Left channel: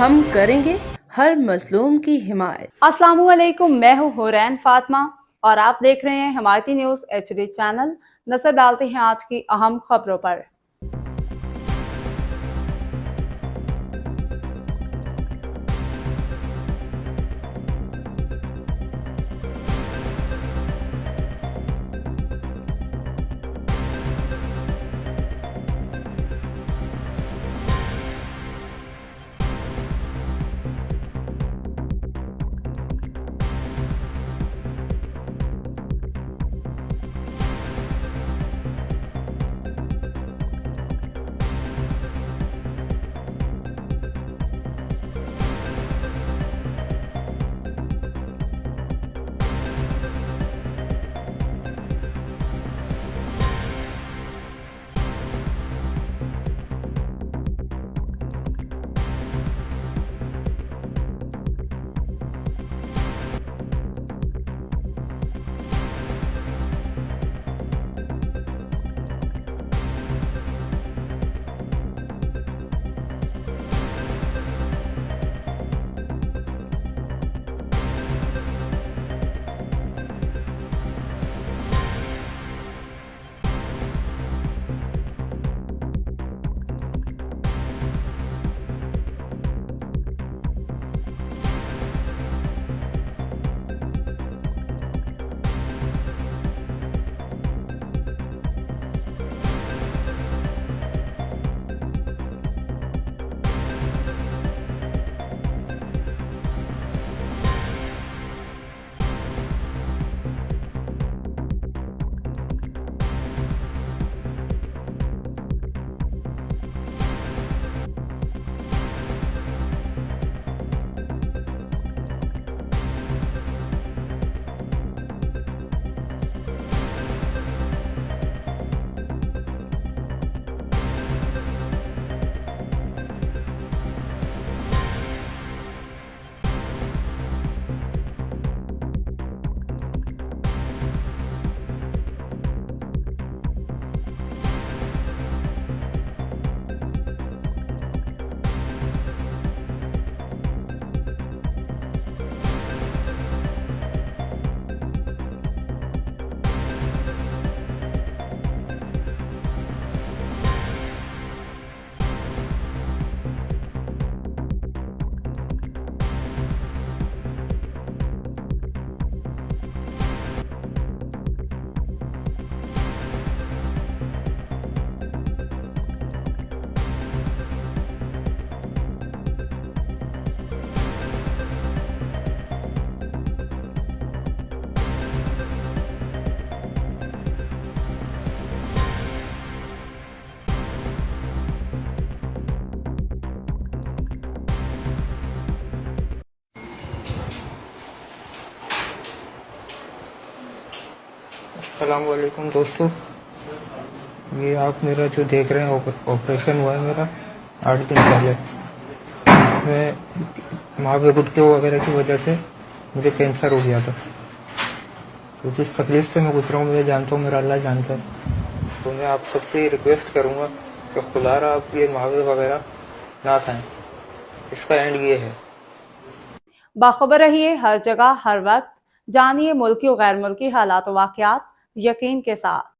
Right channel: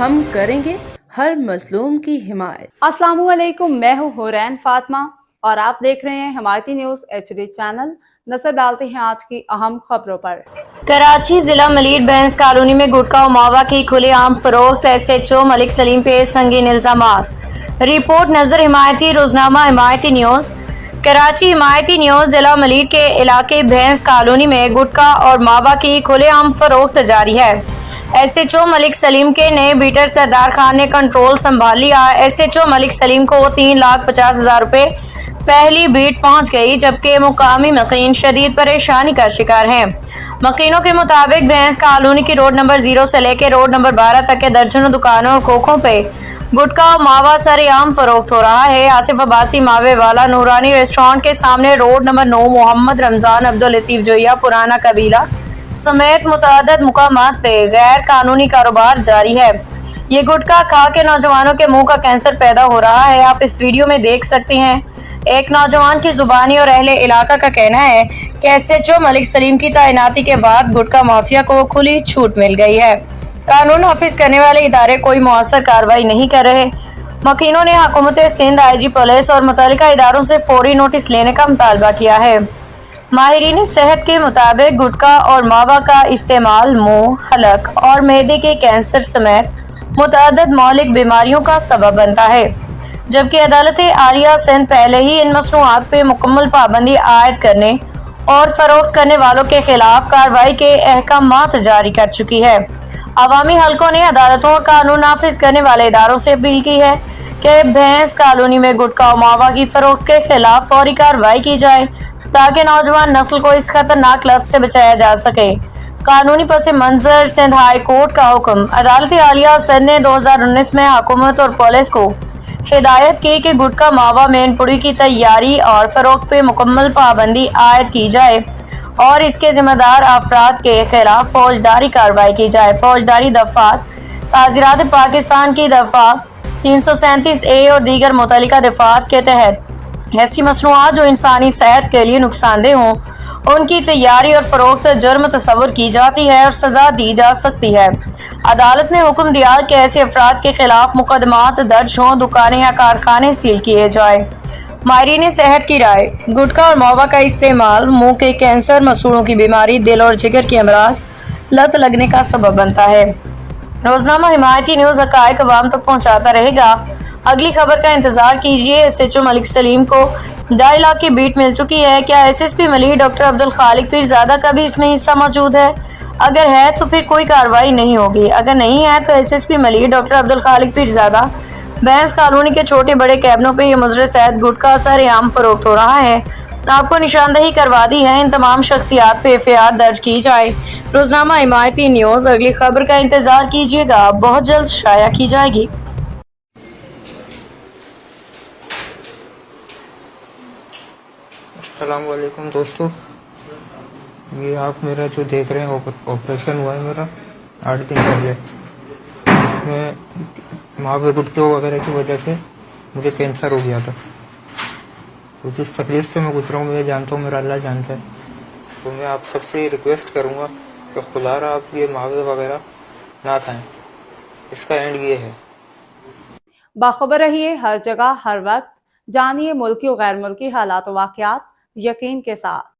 ہم کریں گے ہر مظلوم کی حمایت۔ السلام علیکم، میں ہوں حورین فاطمہ اور آپ دیکھ رہے ہیں حمایتی نیوز HD چینل۔ نظر ڈالتے ہیں آج کی اہم خبروں پر۔ کراچی ضلع ملیر بینس کالونی میں گٹکا و ماوا کی کھلے عام فروخت، SHO ملک سلیم پہ سنگین الزامات۔ رپورٹ نظر حمایتی روزنامہ حمایتی نیوز۔ کراچی حمایتی نیوز ضلع ملیر کے علاقے بینس کالونی میں گٹکا اور ماوا کی کھلے عام فروخت جاری ہے۔ SHO ملک سلیم کے نئے بیٹر سردار خان نے کنٹرول سنبھال لیا۔ SHO ملک سلیم کو 3,50,000 روپے پہلی بیٹ پہنچ گئی، جبکہ مقامی مقین شدید پریشانی کا شکار ہیں۔ مقینوں کے مطابق بینس کالونی کی روڈ نمبر 0 سے لے کے روڈ نمبر 12 تک کے درجنوں دکانوں اور کھوکھوں پہ گٹکا و ماوا سر عام فروخت ہو رہا ہے۔ آصف عباسی ماوے والا نورانی ریسٹورانٹ کے سامنے روڈ نمبر 9 محمد رمضان عبداللطیف جویا پرانا قبیلہ سمیت متعدد مقامات پہ غیر قانونی کاروبار جاری ہے۔ یہ گٹکا کھا کے نوجوانوں کے منہ کا کینسر پیدا ہو رہا ہے۔ آپ اس ویڈیو میں دیکھ سکتے ہیں۔ ایک نوجوان کی زبانی اور اہل علاقہ کا کہنا ہے کہ SHO ملک سلیم کی تعیناتی کے بعد گٹکا مافیا کو کھلی چھوٹ مل گئی ہے۔ قانون نافذ کرنے والے ادارے کوئی مؤثر کارروائی نہیں کر رہے۔ مکینوں نے حکومت سندھ، IG پولیس اور متعلقہ اداروں سے فوری نوٹس لینے کا مطالبہ کیا ہے۔ ماہرین صحت کے مطابق گٹکا اور ماوا کا استعمال منہ، حلق اور معدے کے کینسر سمیت متعدد مہلک بیماریوں کا سبب بنتا ہے، جبکہ عدالت عالیہ سندھ پہلے ہی ان مصنوعات پہ مکمل پابندی عائد کرنے اور فروخت کرنے والوں کے خلاف کارروائی کے احکامات جاری کر چکی ہے۔ عوامی حلقوں نے عدالتوں اور قانون نافذ کرنے والے اداروں سے اپیل کی ہے کہ بینس کالونی میں گٹکا و ماوا کی فروخت کے خلاف فوری کارروائی کی جائے تاکہ نوجوان نسل کو اس خطرناک لت سے بچایا جا سکے۔ قانونی پس منظر سندھ ہائی کورٹ کا حکم۔ عدالت عالیہ سندھ نے 2019 میں حکومت اور پولیس کو ہدایت کی کہ گٹکا ماوا مین پوری کی تیاری اور فروخت پہ مکمل پابندی عائد کی جائے اور اس کے ذمہ دار افراد کے خلاف فوجداری کارروائی کی جائے۔ فوجداری دفعات تعزیرات پاکستان کی دفعہ 337A اور دیگر متعلقہ دفعات کے تحت ایسی مصنوعات جو انسانی صحت کے لیے نقصان دہ ہوں ان کی تیاری اور فروخت جرم تصور کی جاتی ہے اور سزا دی جا سکتی ہے۔ عدالت نے حکم دیا کہ ایسے افراد کے خلاف مقدمات درج ہوں، دکانیں یا کارخانے سیل کیے جائیں۔ ماہرین صحت کی رائے: گٹکا اور ماوا کا استعمال منہ کے کینسر، مسوڑھوں کی بیماری، دل اور جگر کے امراض لت لگنے کا سبب بنتا ہے۔ روزنامہ حمایتی نیوز حقائق عوام تک پہنچاتا رہے گا۔ اگلی خبر کا انتظار کیجیے۔ SHO ملک سلیم کو 2.5 لاکھ کی بیٹ مل چکی ہے۔ کیا SSP ملیر ڈاکٹر عبدالخالق پیرزادہ کا بھی اس میں حصہ موجود ہے؟ اگر ہے تو پھر کوئی کارروائی نہیں ہوگی۔ اگر نہیں ہے تو SSP ملیر ڈاکٹر عبدالخالق پیرزادہ بینس کالونی کے چھوٹے بڑے کیبنوں پہ یہ مضر صحت گٹکا سر عام فروخت ہو رہا ہے۔ آپ کو نشاندہی کروا دی ہے، ان تمام شخصیات پہ FIR درج کی جائے۔ روزنامہ حمایتی نیوز اگلی خبر کا انتظار کیجیے گا، بہت جلد شائع کی جائے گی۔ السلام علیکم دوستو، یہ آپ میرا جو دیکھ رہے ہیں آپریشن ہوا ہے میرا 8 دن پہلے۔ اس میں ماوے گٹکے وغیرہ کی وجہ سے مجھے کینسر ہو گیا تھا۔ تو جس تکلیف سے میں گزرا ہوں میں جانتا ہوں، میرا اللہ جانتا ہے۔ تو میں آپ سب سے ریکویسٹ کروں گا کہ خدا را آپ یہ ماوے وغیرہ نہ کھائیں، اس کا اینڈ یہ ہے۔ باخبر رہیے ہر جگہ ہر وقت، جانیے ملکی و غیر ملکی حالات و واقعات یقین کے ساتھ۔